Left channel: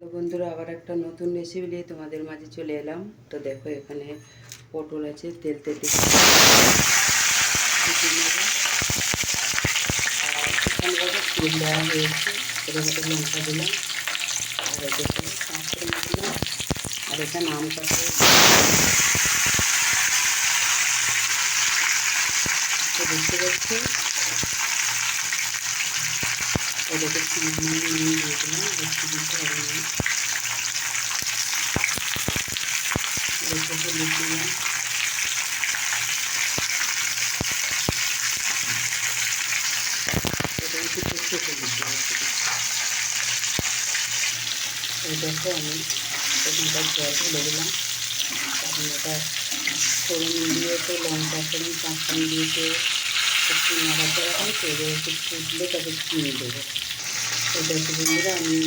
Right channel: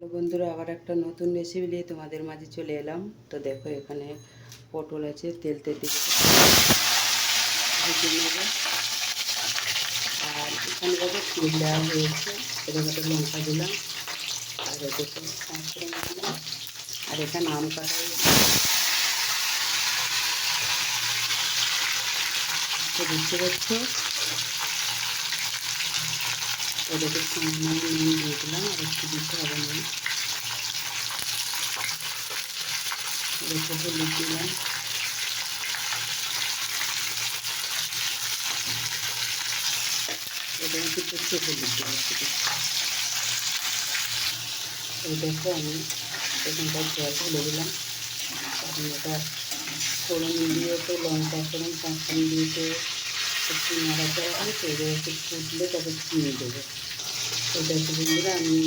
তো বন্ধুরা আবার একটা নতুন রেসিপি নিয়ে তোমাদের মাঝে চলে এলাম। তো দেখো এখানে পটল আছে, তেল তেল নেবো। আর এখানে দেখো তেল দেওয়া হয়েছে, ছোটো লঙ্কা দিলাম, আর দেখো পাঁচফোড়ন দিলাম, আর এখানে আম কাটা হয়েছে দেখতে পাচ্ছি। ওদেরকে সামান্য নুন দিয়ে দিলাম, আর একটু দিতে হবে না, দেখো হলুদ দিলাম, এটা একটু সর্ষে হলুদ দিলাম। এই দেখো আমি এখানকার জল ঢেলে দিলাম, কারণ এটা ফোড়ন দিয়েছে, লঙ্কা ফোড়ন পাঁচফোড়ন দিয়েছে, একটু নাড়াচাড়া হয় তো, এবার একটু ফুটলে তাকে চিনি দেবো। এই দেখো বন্ধুরা আমি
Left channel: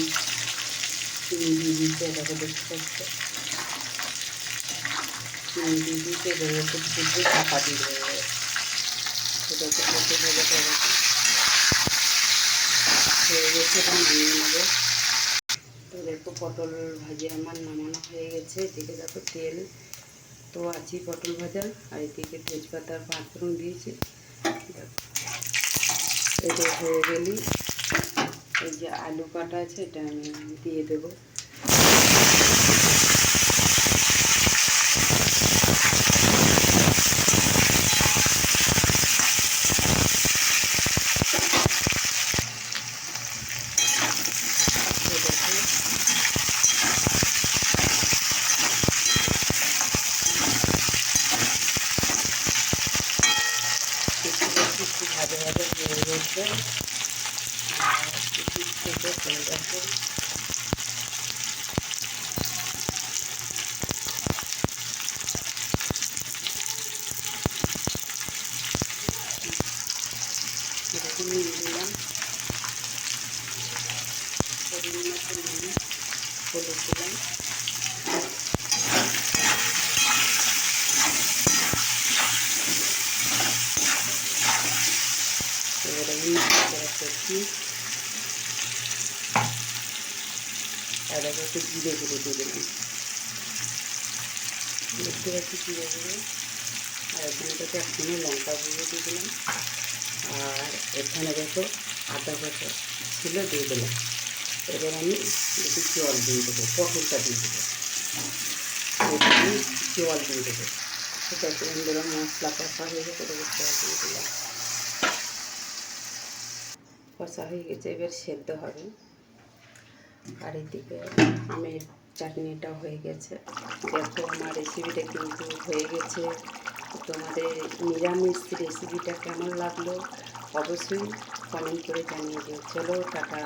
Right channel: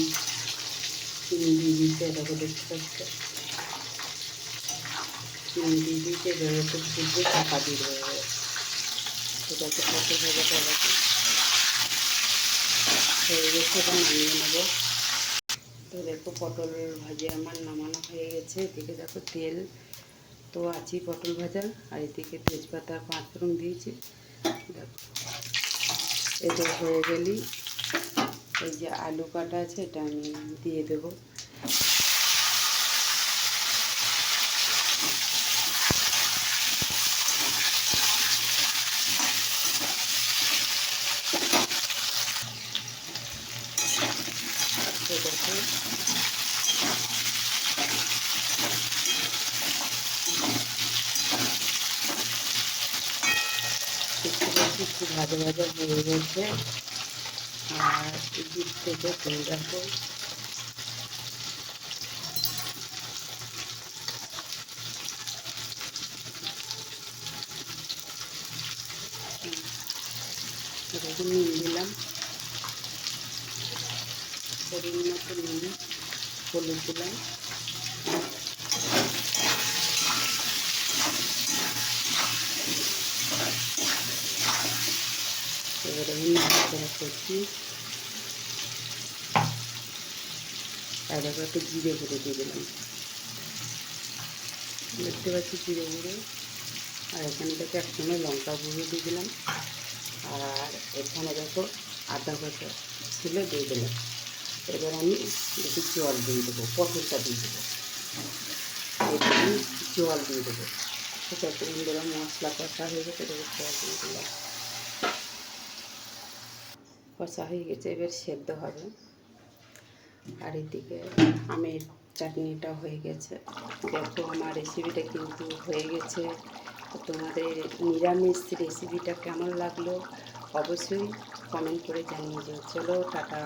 চিনি দিয়ে দিয়েছি, এটাকে দেখতে পাচ্ছি চিনি দিয়ে দিয়েছি। এবার একটু ফুটলে চাপা দিয়ে দেবো, এটাকে পটল ভাজাটা হয়ে গেছে, এটা নামিয়ে নেবো। তো দেখো পটল ভাজা আমার নামানো হয়ে গেছে। এদিকে দেখো তেল তো আছেই পটল ভাজা, আর এদিকে তেজপাতা আর পাঁচফোড়ন দিয়েছি। দেখো এটা হয়ে গেলেই এই যে আলু কাটা আছে এটা আমি দিয়ে দেবো। একটু ভাজা ভাজা হয়ে গেছে, আর দিক থেকে তেল দেখো এটাকে নুন দিলাম, পরিমাণ মতো নুন, হলুদ দিলাম, এবারে আমি নাড়াচাড়া করছি। আর দেখো একটু জিরে গুঁড়ো দিয়ে দিলাম, দেখতে পাচ্ছি জিরে গুঁড়ো। আর এখানে দেখো একসঙ্গে লঙ্কা গুঁড়ো দিয়ে দিলাম, আর এখানে দেখো আদা বাটা ছিল দিয়ে দিলাম। এবার আমি একটু জল দিয়ে দেবো, পটলটা দিয়ে দেবো, এবার আমি জল দিয়ে দেবো। ঠিক আছে বন্ধুরা, মশলা কষা হয়ে গেছে, এবার জল দিয়ে দিলাম, কষা হয়ে গেছে, এবার সেদ্ধ হবে। আর এদিকে আমের চাটনিটা হয়ে গেছে। দেখো আমার রেসিপিটা কিন্তু হয়ে গেছে। তোমাদের নিরামিষ রেসিপিটা কেমন লাগলো অবশ্যই কমেন্ট করে জানিয়ে দিও। চলো টাটা।